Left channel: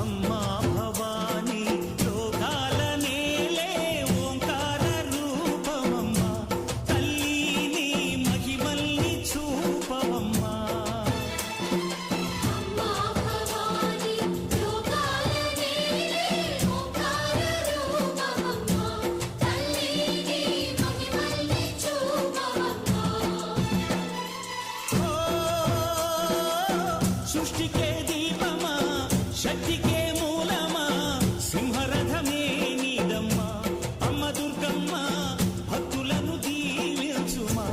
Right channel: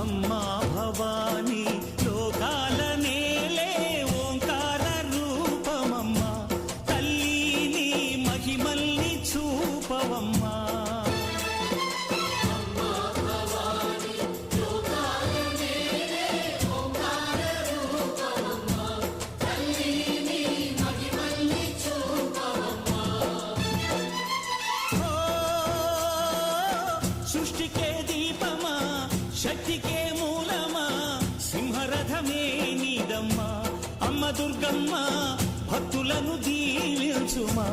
అమ్మా భవానీ లోకాల నేలే ఓంకార రూపమమ్మా తల్లి మహిమల్ని చూపవమ్మా సృష్టికే దీపమా శక్తికే మూలమా సింహరథమే నీదమ్మా అమ్మ దుర్గమ్మ భక్తులను దీవించుమా